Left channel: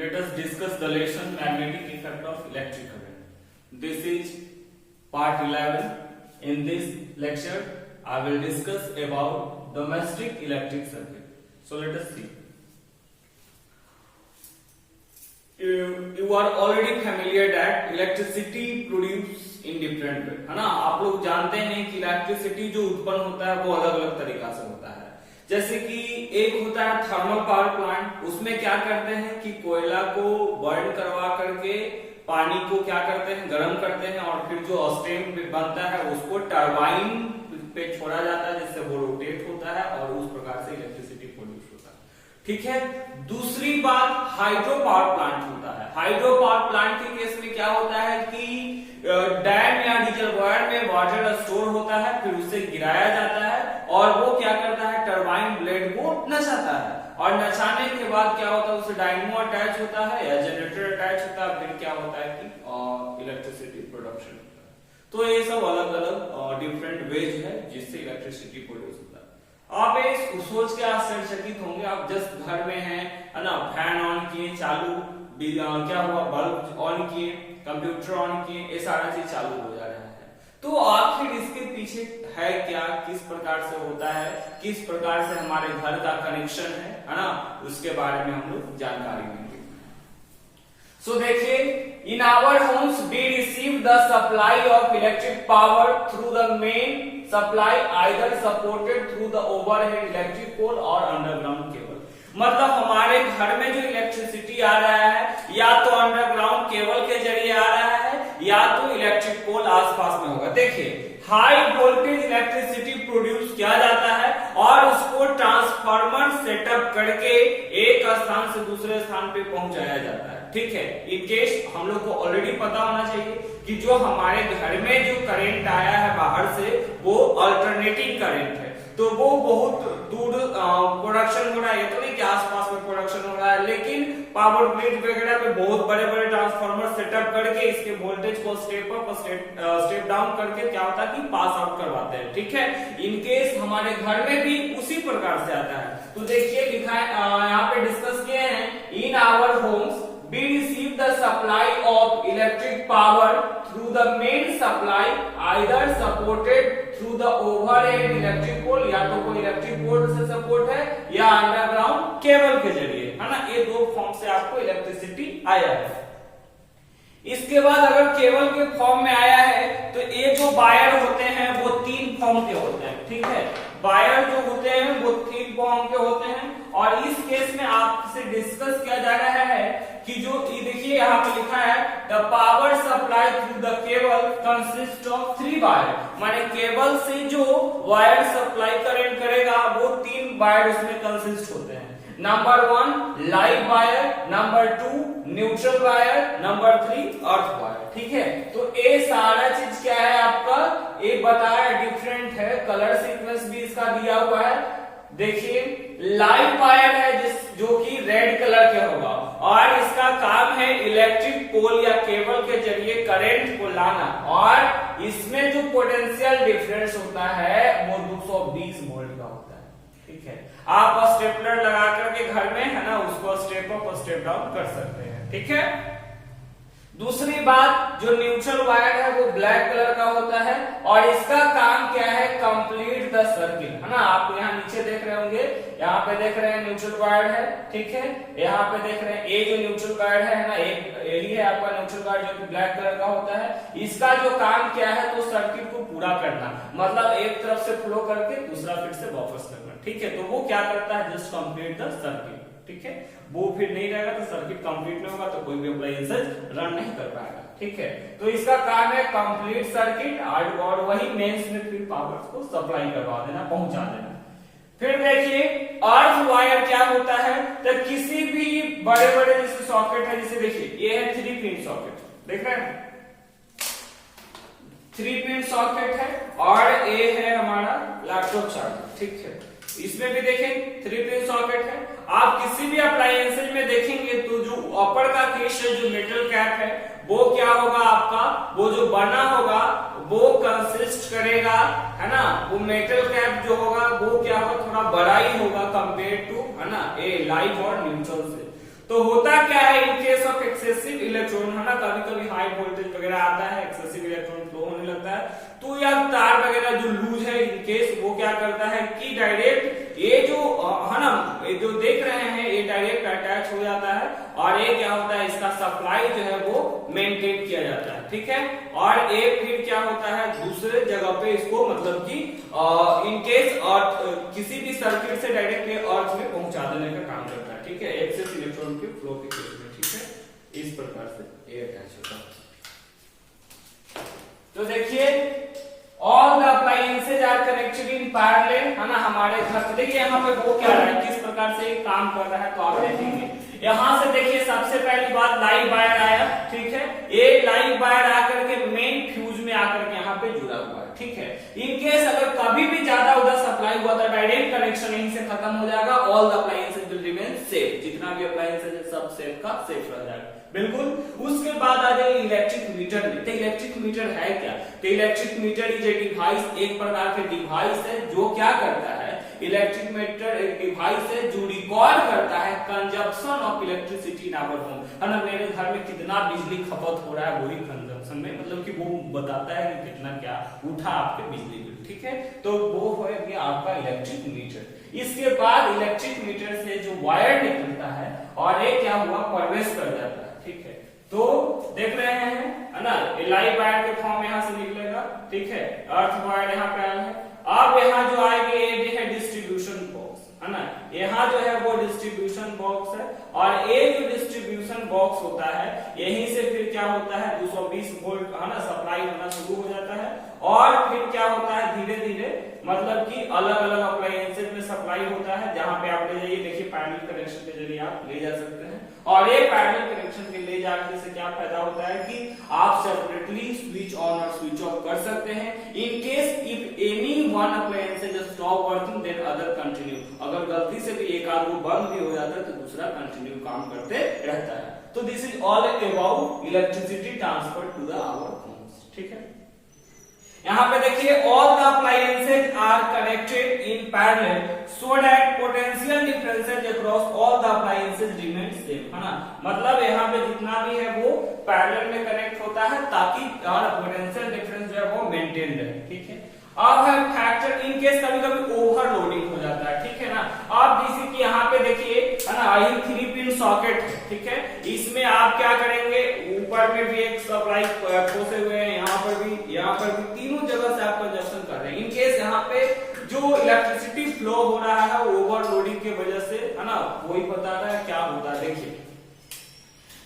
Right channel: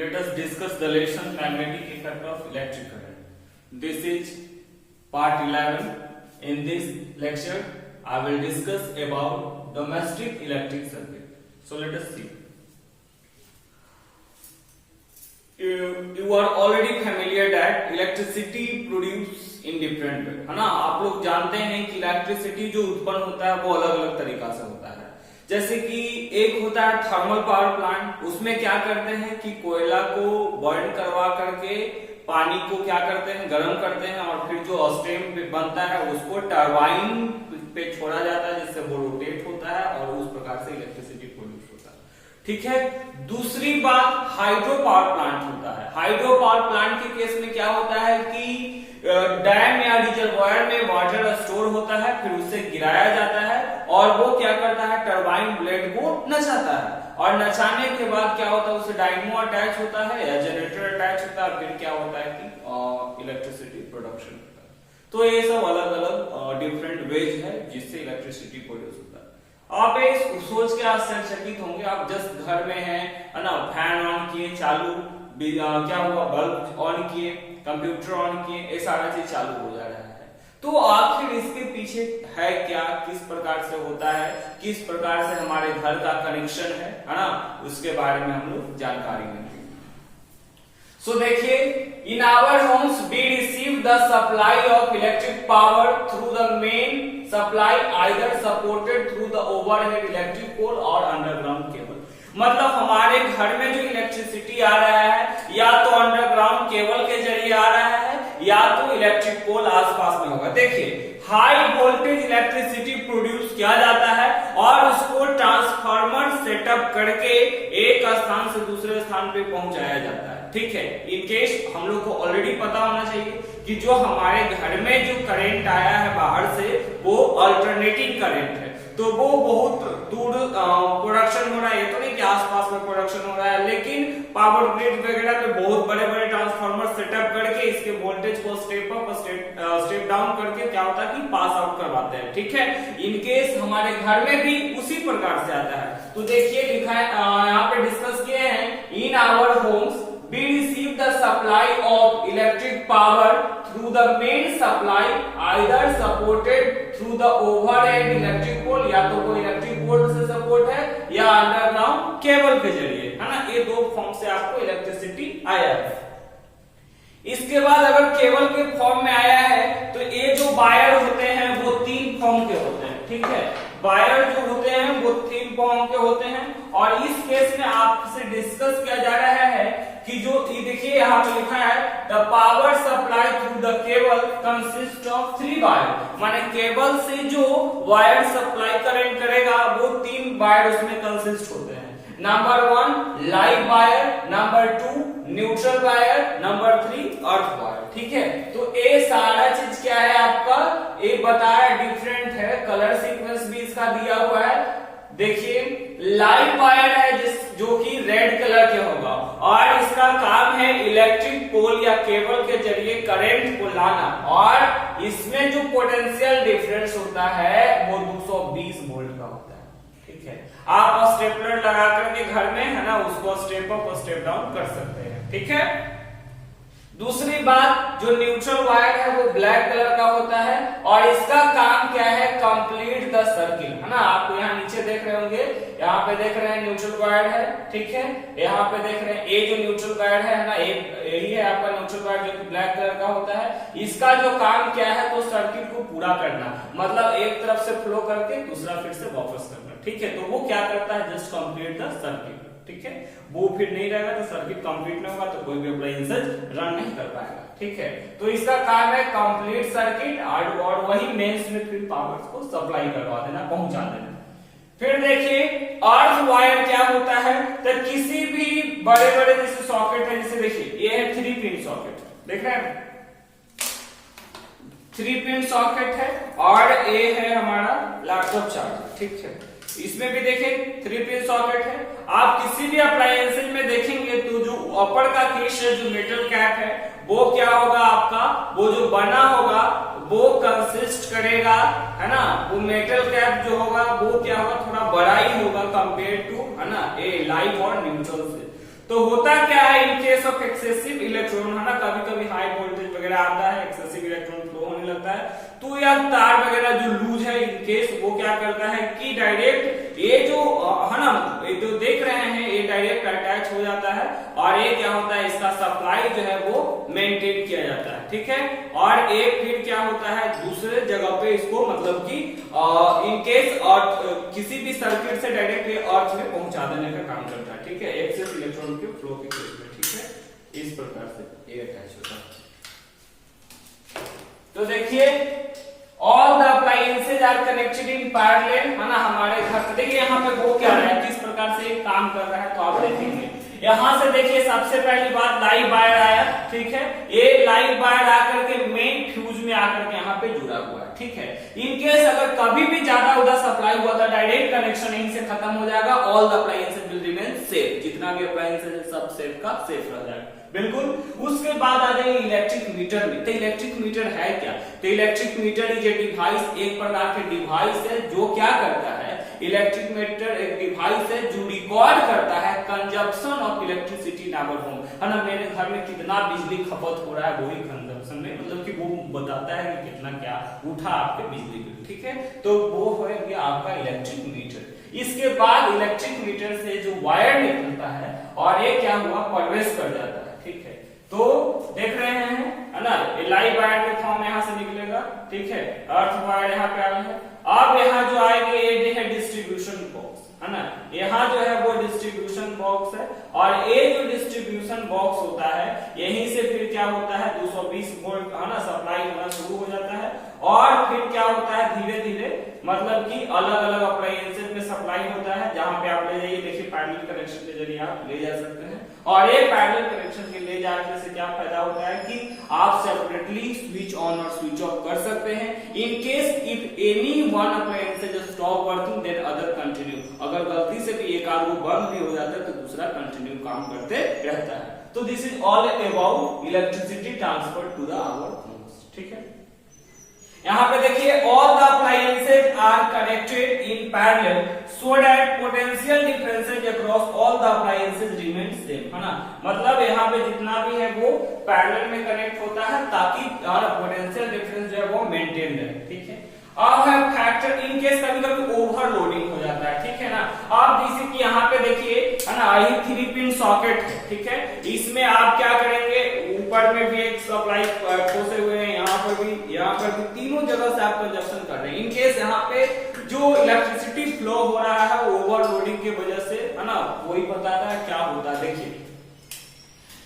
let us discuss the lesson magnetic effect of electric current. This is part 11. In this lecture, I will discuss about domestic electric circuit. So let us see. You are already familiar that electricity produce in different way, है ना। आप लोग जानते हैं कि electricity जो उत्पन्न होता है वो अलग अलग तरीका से होता है। जैसे कि एक होता है थर्मल पावर प्लांट, उसमें क्या करते हैं कि कोयला को बर्न करवा करके पानी को क्या करते हैं, गर्म करते हैं और फिर जो स्टीम बनता है उसको टरबाइन पे छोड़ा जाता है जिससे वो रोटेट होता है और उस प्रकार से इलेक्ट्रिसिटी प्रोड्यूस होता है। ठीक है। दूसरी बात हाइड्रो पावर प्लांट होता है। हाइड्रो पावर प्लांट के केस में क्या होता है कि डैम या रिजर्वायर में वाटर स्टोर होता है, फिर उसे गिराया जाता है और वो क्या करता है, टरबाइन ब्लेड को नचाता है और नचाने के बाद क्या होता है, उसे डायनमो अटैच होता है या जनरेटर अटैच होता है, फिर क्या होता है कि इलेक्ट्रिसिटी प्रोडक्शन होता है। तो ये सब अलग अलग डिफरेंट वेज है जिससे इलेक्ट्रिसिटी प्रोड्यूस होता है। आप ये सोच के आश्चर्यचकित होंगे, आप जस्ट घर में है ना, फैन ऑन किए, चालू क्या हुआ, बल्ब ऑन किए, कंप्यूटर ऑन किए, ये सारा चीज चालू हो जा रहा है। तो आखिर इसके पीछे है क्या, किस प्रकार से होता है, किस प्रकार से हमारे घर का कनेक्शन है ना, उसके बारे में हम लोग जानकारी लेंगे। सो देखिए, in our homes we receive the supply of electric power through the main supply either supported through the overhead electric pole और अंडरग्राउंड केबल। मतलब हमारे घर में जो इलेक्ट्रिसिटी आ रहा है या तो अंडरग्राउंड केबल के जरिए आ रहा है या तो इलेक्ट्रिक पोल आसपास में होगा। देखिए, हाई वोल्टेज इलेक्ट्रिसिटी प्रोड्यूस किया जाता है और उसको ट्रांसफार्मर सेटअप करके एक स्थान से दूसरे स्थान पे पहुंचाया जाता है। ठीक है। इन केस हम लोग को ऑलरेडी पता होना चाहिए कि जो हमारे घर में जो करंट आया है बाहर से वो अल्टरनेटिंग करंट है, तो वो बहुत दूर प्रोडक्शन हो रहा है। ये तो नहीं कि आसपास में प्रोडक्शन हो रहा है, लेकिन पावर ग्रिड वगैरह पे बहुत बड़े बड़े ट्रांसफार्मर सेटअप करके इसके वोल्टेज को स्टेप अप स्टेप डाउन करके क्या होता है कि पास आउट करवाते हैं। ठीक है। इनकेस हमारे घर में भी उसी प्रकार से आता है। तो देखिए लिखा है, यहाँ पे डिस्कस किए हैं, in our homes we receive the supply of electric power through the main supply either supported through the overhead electric pole, या तो कोई इलेक्ट्रिक पोल से सपोर्ट है या अंडरग्राउंड केबल के जरिए, है ना। ये दो फॉर्म से आपको इलेक्ट्रिसिटी आया है। इसके बाद अगर केबल के फॉर्म में आया है तो ये जो वायर होते हैं वो 3 फॉर्म के होते हैं। ठीक है। वायर जो होते हैं वो 3 फॉर्म के होते हैं और इस केस में आपसे डिस्कस किया जा रहा है कि जो ये देखिए यहाँ पे लिखा है, the power supply through the cable consist of 3 wire. माने केबल से जो वायर सप्लाई करंट करेगा वो 3 वायर उसमें कंसिस्ट होते हैं। Number 1 live wire, number 2 neutral wire, number 3 earth wire. ठीक है। तो ये सारा चीज क्या है आपका, एक बताया डिफरेंट है, कलर सीक्वेंस भी इसका दिया हुआ है। देखिए, लाइव वायर है जो कि रेड कलर के होगा और इसका काम है इलेक्ट्रिक पोल या केबल के जरिए करंट को लाना और इसमें जो पोटेंशियल डिफरेंस होता है वो 220 वोल्ट का होता है। ठीक है। आप स्टेपलर लगा करके घर में, है ना, उसको स्टेप अप और स्टेप डाउन कर सकते हैं। ठीक है। दूसरी बात, जो न्यूट्रल वायर है वो ब्लैक कलर का होता है और इसका काम क्या है, कंप्लीट द सर्किल, है ना। आप यहाँ नीचे देख रहे होंगे, यहाँ पे देख रहे हैं न्यूट्रल वायर है। ठीक है। यहाँ पे देख रहे हैं ये जो न्यूट्रल वायर है ना, यही है आपका न्यूट्रल वायर जो कि ब्लैक कलर का होता है। इसका जो काम क्या है तो सर्किट को पूरा करना, मतलब एक तरफ से फ्लो करके दूसरा फिर से वापस करना। ठीक है। तो वो क्या करता है, जस्ट कंप्लीट द सर्किट। ठीक है। वो फिर नहीं रहेगा तो सर्किट कंप्लीट नहीं होगा तो कोई भी अप्लायंसेस रन नहीं कर पाएगा। ठीक है। तो इसका काम है कंप्लीट सर्किट और वही मेंस में फिर पावर को सप्लाई करवा देना, पहुंचा देना। फिर देखिए, अर्थ वायर क्या होता है, तो किसी भी बड़े बड़े जैसे सॉकेट है, जैसे देखिए ये है 3 पिन सॉकेट, देख रहे हैं 3 पिन सॉकेट है और ये है हमारा लैपटॉप चार्जर। ठीक है। इसमें भी देखें 3 पिन सॉकेट है। आप किसी भी अप्लायंसेज में देखेंगे तो जो अपर का केस है, जो मेटल कैप है, वो क्या होगा आपका, वो जो बना होगा वो कंसिस्ट करेगा, है ना, वो मेटल कैप जो होगा वो क्या होगा, थोड़ा बड़ा ही होगा कंपेयर टू, है ना, ए लाइव और न्यूट्रल से। तो होता क्या है in case of excessive electron, है ना, कभी कभी हाई वोल्टेज वगैरह आता है, एक्सेसिव इलेक्ट्रॉन फ्लो होने लगता है, तो यह तार वगैरह जो लूज है इन केस वो क्या करता है कि डायरेक्ट ये जो है ना, ये जो देख रहे हैं ये डायरेक्ट अटैच हो जाता है और ये क्या होता है इसका सप्लाई जो है वो मेंटेन किया जाता है, ठीक है। और ये फिर क्या होता है दूसरे जगह पे इसको मतलब कि इन केस अर्थ किसी भी सर्किट से डायरेक्ट ये अर्थ में पहुंचा देने का काम करता है, ठीक है, एक्सेस इलेक्ट्रॉन के फ्लो के केस में, ठीक है। इस प्रकार से ये अटैच होता है। तो देखिए all the appliances are connected in parallel, है ना, हमारे घर पे देखिए यहाँ पे वो क्या रहा है किस प्रकार से काम कर रहा है, तो आप देखेंगे यहां से देखिए सबसे पहली बात लाइव वायर आया, ठीक है, ये लाइव वायर आकर के मेन फ्यूज में आकर के यहाँ पे जुड़ा हुआ है, ठीक है। इनकेस अगर कभी भी ज्यादा उधर सप्लाई हुआ था डायरेक्ट कनेक्शन यहीं से खत्म हो जाएगा, all the appliances will remain safe, जितना भी अप्लायंसेज है सब सेफ का सेफ रह जाएगा, बिल्कुल। उसके बाद आ जाएंगे इलेक्ट्रिक मीटर में। तो इलेक्ट्रिक मीटर है क्या, तो electric meter is a device, एक प्रकार के डिवाइस है जो क्या करता है, इलेक्ट्रिक मीटर एक डिवाइस है जो रिकॉर्ड करता है consumption of electricity in our home, है ना, मेरे घर में कितना बिजली खपत हो रहा है वही कंजप्शन में, मतलब कि वो बताता है कि कितना क्या उठा आपके बिजली बिल, ठीक है, तो वो है गया आपका इलेक्ट्रिक मीटर। इसके बाद इलेक्ट्रिक मीटर से जो वायर निकलता है और ये क्या हुआ प्रवेश कर जाता है, ठीक है, तो देख रहे हैं, है ना, लाइव वायर के फॉर्म यहाँ से निकलेगा, ठीक है, अर्थ वायर यहाँ पे आया है। अब यहाँ जो आएंगे ये है डिस्ट्रीब्यूशन बॉक्स, है ना, यहाँ जो है वो डिस्ट्रीब्यूशन बॉक्स है और ये जो डिस्ट्रीब्यूशन बॉक्स होता है यहीं से फिर क्या होता है 220 वोल्ट, है ना, सप्लाई होना शुरू हो जाता है और फिर क्या होता है धीरे धीरे मतलब कि अलग अलग अप्लायंसेज में सप्लाई होता है, जहां पे आप ले जाइए देखिए पैरेलल कनेक्शन के जरिए आप ले जा सकते हैं और ये पैरेलल कनेक्शन के ले जाने से क्या फायदा होता है कि आप सेपरेटली स्विच ऑन और स्विच ऑफ कर सकते हैं। In case if any one appliances stop working then other continue, अगर गलती से भी एक आध वो बंद भी हो जाता है तो दूसरा कंटिन्यू काम करते रहता है। तो this is all about electricity transfer to the our homes, ठीक है। यहाँ पे देखिए all the appliances are connected in parallel so that potential differences across all the appliances remain same, है ना, मतलब यहाँ पे जितना भी है वो पैरेलल में कनेक्ट होता है ताकि पोटेंशियल डिफरेंस जो है वो मेंटेन रहे, ठीक है। अब है फैक्टर इन केस कभी कभी ओवरलोडिंग हो जाता है, ठीक है ना। आप जैसे कि यहाँ पे देखिए, है ना, आई 3 पिन सॉकेट है, ठीक है, इसमें आप क्या करेंगे ऊपर में भी एक सप्लाई खोसे हुए हैं, यहाँ पर भी तीनों जगह से आप कंजप्शन कर रहे हैं। इन केस यहाँ पे जो इलेक्ट्रिसिटी फ्लो हो रहा है ओवरलोडिंग की वजह से, है ना, वही बता रहा है क्या होता है। देखिए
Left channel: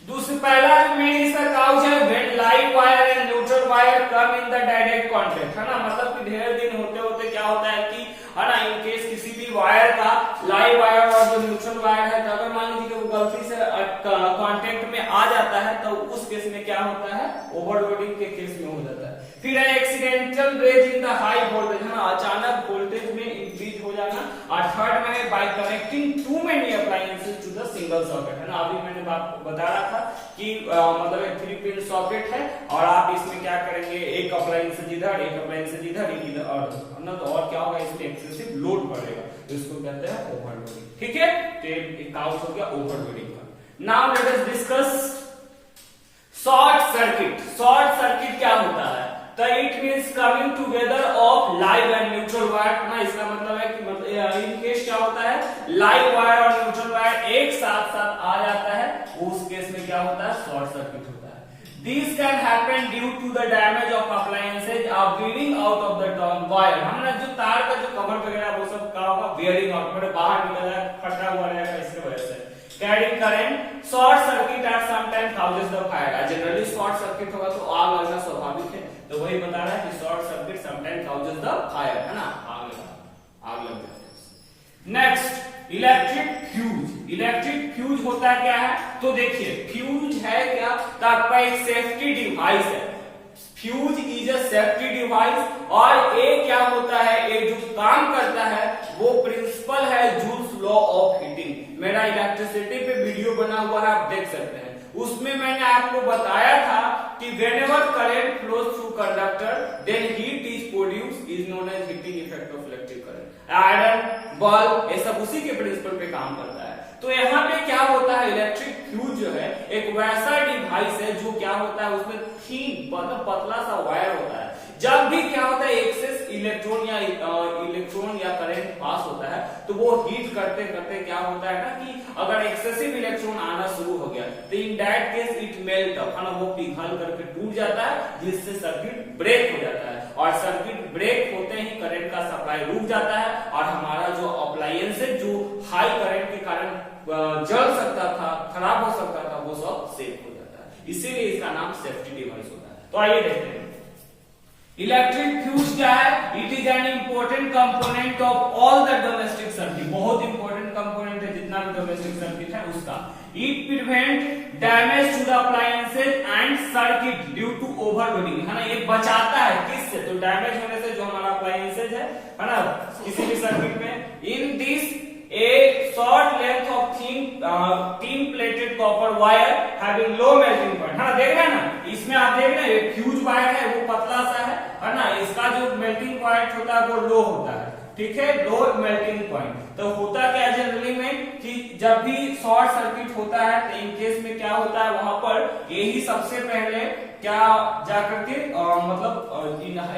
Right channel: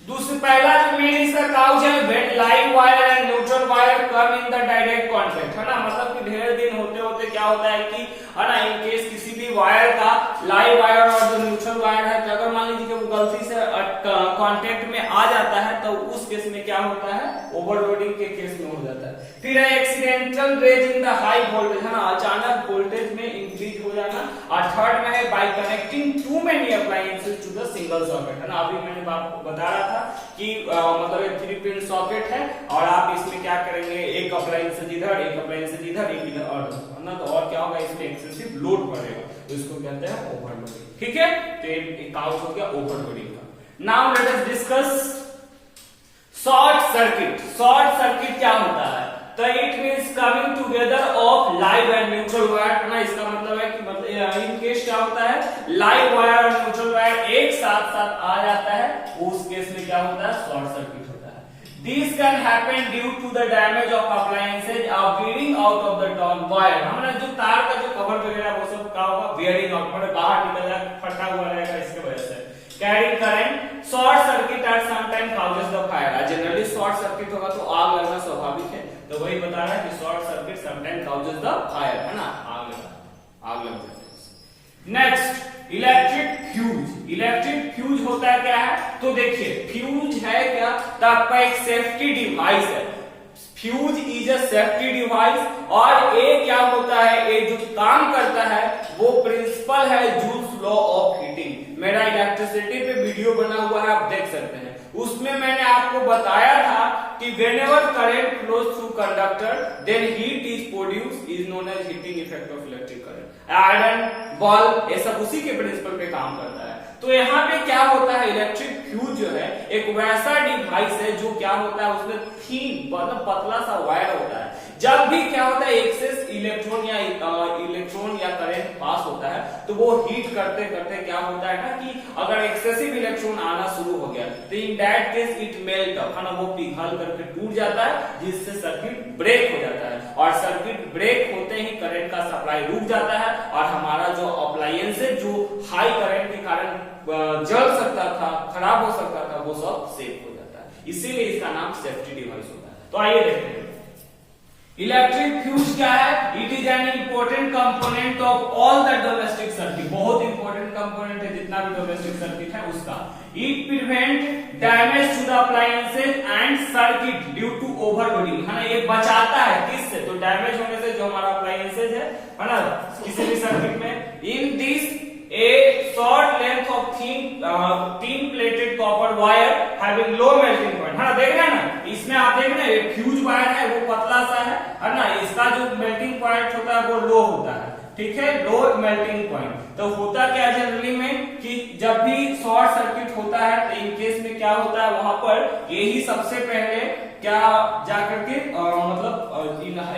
दूसरा पहला जो मेन इसका काउच है when live wire and neutral wire come in the direct contact, है ना, मतलब कि ढेर दिन होते होते क्या होता है कि, है ना, इन केस किसी भी वायर का लाइव वायर और जो न्यूट्रल वायर है अगर मान लीजिए कि वो गलती से कांटेक्ट में आ जाता है तो उस केस में क्या होता है ओवरलोडिंग के केस में हो जाता है। फिर है accidental raise in the high voltage, है ना, अचानक वोल्टेज में इंक्रीज हो जाना। और थर्ड में है by connecting too many appliances to the single socket, है ना, अभी मैंने आपको बता रहा था कि मतलब एक 3 पिन सॉकेट है और आप इसमें क्या करेंगे एक अप्लायंसेज इधर एक अप्लायंसेज इधर एक इधर और, है ना, तो और क्या होगा इसमें एक्सेसिव लोड पड़ेगा, तो इसको कहते हैं ओवरलोडिंग, ठीक है। तो एक काउच हो गया ओवरलोडिंग का। Now let us discuss short circuit. Short circuit क्या होता है, तो it means coming together of live and neutral wire, है ना, इसका मतलब है कि मतलब इन केस क्या होता है लाइव वायर और न्यूट्रल वायर एक साथ साथ आ जाता है, उस केस में क्या होता है शॉर्ट सर्किट होता है। This can happen due to the damage of appliances or wearing out of the top wire, हमारा जो तार का जो कवर वगैरह वो सब क्या होगा wearing out, मतलब बाहर निकल जाएगा फटा हुआ रहेगा इसके वजह से। Carrying current, short circuit at some time causes the fire, generally short circuit होगा तो आग लगना स्वाभाविक है, तो वही बता रहा है कि short circuit sometime causes the fire, है ना, आग लग जाती है। Next electric fuse. Electric fuse होता है क्या है, तो देखिए फ्यूज है क्या, तो आपका एक सेफ्टी डिवाइस है। Fuse is a safety device और ये क्या होता है, ये जो काम करता है वो प्रिंसिपल है जूल्स लॉ ऑफ हीटिंग। मेरा इलेक्ट्रिसिटी पे वीडियो बना हुआ है, आप देख सकते हैं, उसमें मैंने आपको बताया था कि whenever current flows through conductor then heat is produced is known as heating effect of electric current. Iron bulb ये सब उसी के प्रिंसिपल पे काम करता है। तो यहाँ पे क्या होता है, इलेक्ट्रिक फ्यूज जो है एक वैसा डिवाइस है जो क्या होता है, उसमें थीन मतलब पतला सा वायर होता है। जब भी क्या होता है एक्सेस इलेक्ट्रॉन या करंट पास होता है तो वो हीट करते करते क्या होता है ना कि अगर एक्सेसिव इलेक्ट्रॉन आना शुरू हो गया तो in that case it melt up, है ना, वो पिघल करके टूट जाता है जिससे सर्किट ब्रेक हो जाता है। और सर्किट ब्रेक होते ही करंट का सप्लाई रुक जाता है और हमारा जो अप्लायंस है जो हाई करंट के कारण जल सकता था, खराब हो सकता था, वो सब सेफ हो जाता है। इसीलिए इसका नाम सेफ्टी डिवाइस होता है। तो आइए देखते हैं इलेक्ट्रिक फ्यूज क्या है। It is an important component of all the domestic circuit, बहुत इंपॉर्टेंट कंपोनेंट है जितना भी डोमेस्टिक सर्किट है उसका। It prevent damage to the appliances and circuit due to overloading, है ना, ये बचाता है किससे, तो डैमेज होने से जो हमारा अप्लायंसेज है ना किसी भी सर्किट में। In this a short length of thin plated copper wire having low melting point, है ना, देख रहे हैं ना, इसमें आप देख रहे हैं फ्यूज वायर है वो पतला सा है ना, इसका जो मेल्टिंग पॉइंट होता है वो लो होता है, ठीक है, लो मेल्टिंग पॉइंट। तो होता क्या जनरली में कि जब भी शॉर्ट सर्किट होता है तो इन केस में क्या होता है वहां पर यही सबसे पहले क्या जाकर के मतलब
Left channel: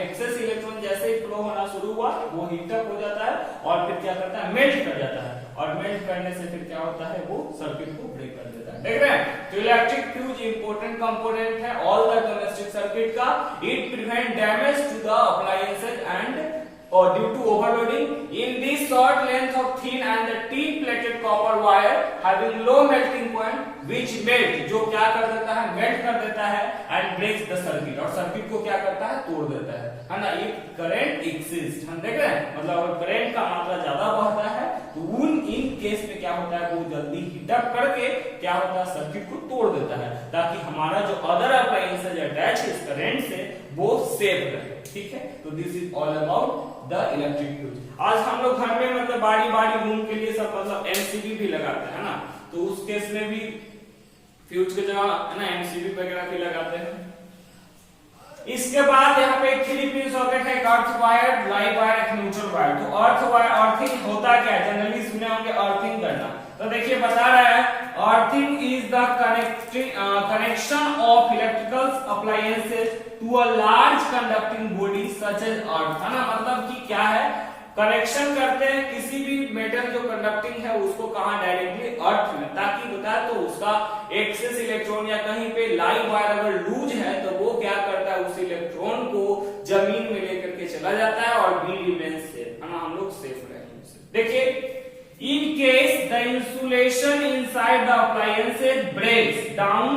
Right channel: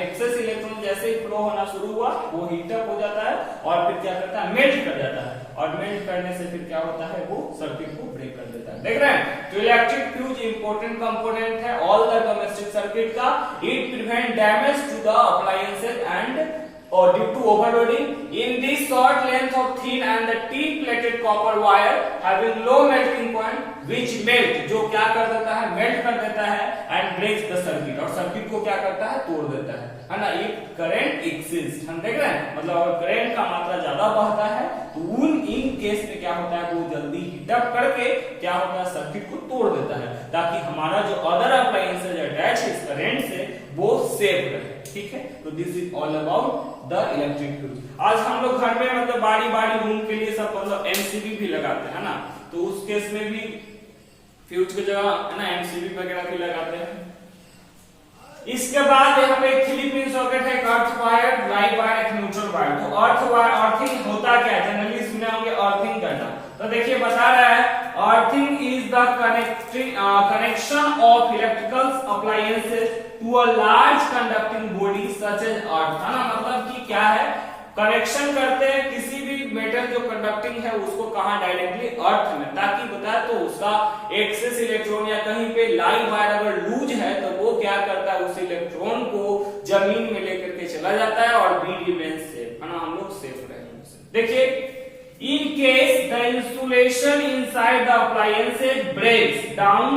एक्सेस इलेक्ट्रॉन जैसे ही फ्लो होना शुरू हुआ वो हीटअप हो जाता है और फिर क्या करता है, मेल्ट कर जाता है, और मेल्ट करने से फिर क्या होता है वो सर्किट को ब्रेक कर देता है। देख रहे हैं, तो इलेक्ट्रिक फ्यूज इंपॉर्टेंट कंपोनेंट है ऑल द डोमेस्टिक सर्किट का। It prevent damage to the appliances and or due to overloading in this short length of thin and the thin plated copper wire having low melting point which melt, जो क्या कर देता है, melt कर देता है and breaks the circuit, और circuit को क्या करता है, तोड़ देता है ना। ये करंट एक्सिस्ट, हम देख रहे हैं, मतलब अगर करंट का मात्रा ज्यादा बढ़ता है तो इन केस में क्या होता है वो जल्दी हीटअप करके क्या होता है सर्किट को तोड़ देता है ताकि हमारा जो अदर अप्लायंसेज अटैच है इस करंट से वो सेफ रहे, ठीक है। तो this is all about the electric fuse. आज हम लोग घर में मतलब बारी बारी रूम के लिए सब मतलब एमसीबी भी लगाते हैं ना, तो उस केस में भी फ्यूज की जगह है ना एमसीबी वगैरह भी लगाते हैं। इसके बाद यहाँ पे एक 3 पिन सॉकेट है, एक अर्थ वायर, लाइव वायर, एक न्यूट्रल वायर। तो अर्थ वायर अर्थिंग होता क्या है, जनरली सुने होंगे अर्थिंग करना, तो देखिए बता रहा है earthing is the connection of electrical appliances to a large conducting body such as earth, है ना, मतलब कि क्या है, कनेक्शन करते हैं किसी भी मेटल जो कंडक्टिंग है उसको कहा डायरेक्टली अर्थ में, ताकि बता तो उसका एक्सेस इलेक्ट्रॉन या कहीं पे लाइव वायर अगर लूज है तो वो क्या करता है उस इलेक्ट्रॉन को जमीन में लेकर के चला जाता है और बी रिमेन सेफ, है ना, हम लोग सेफ रहेंगे। देखिए in case the insulation inside the appliance breaks down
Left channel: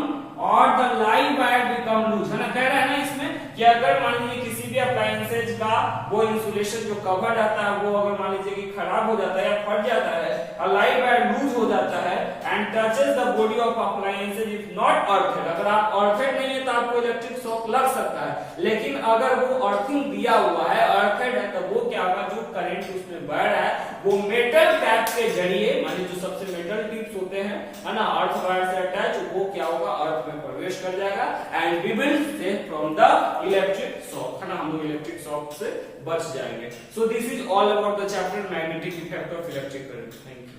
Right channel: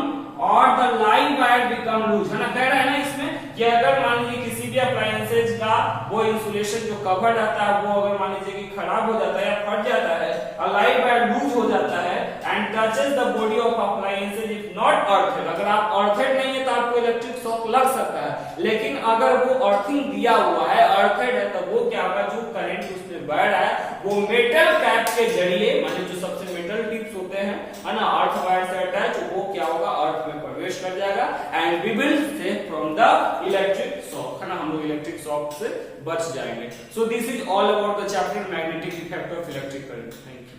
or the live wire become loose, है ना, कह रहा है ना इसमें कि अगर मान लीजिए किसी भी अप्लायंसेज का वो इंसुलेशन जो कवर रहता है वो अगर मान लीजिए कि खराब हो जाता है या फट जाता है और लाइव वायर लूज हो जाता है and touches the body of appliances if not earthed, अगर आप अर्थेड नहीं है तो आपको इलेक्ट्रिक शॉक लग सकता है, लेकिन अगर वो अर्थिंग दिया हुआ है, अर्थेड है, तो वो क्या होगा, जो करंट उसमें बढ़ रहा है वो मेटल कैप के जरिए, माने जो सबसे मेटल टिप्स होते हैं, है ना, अर्थ वायर से अटैच, वो क्या होगा अर्थ में प्रवेश कर जाएगा and we will save from the electric shock, है ना, हम लोग इलेक्ट्रिक शॉक से बच जाएंगे। So this is all about the chapter magnetic effect of electric current. Thank you.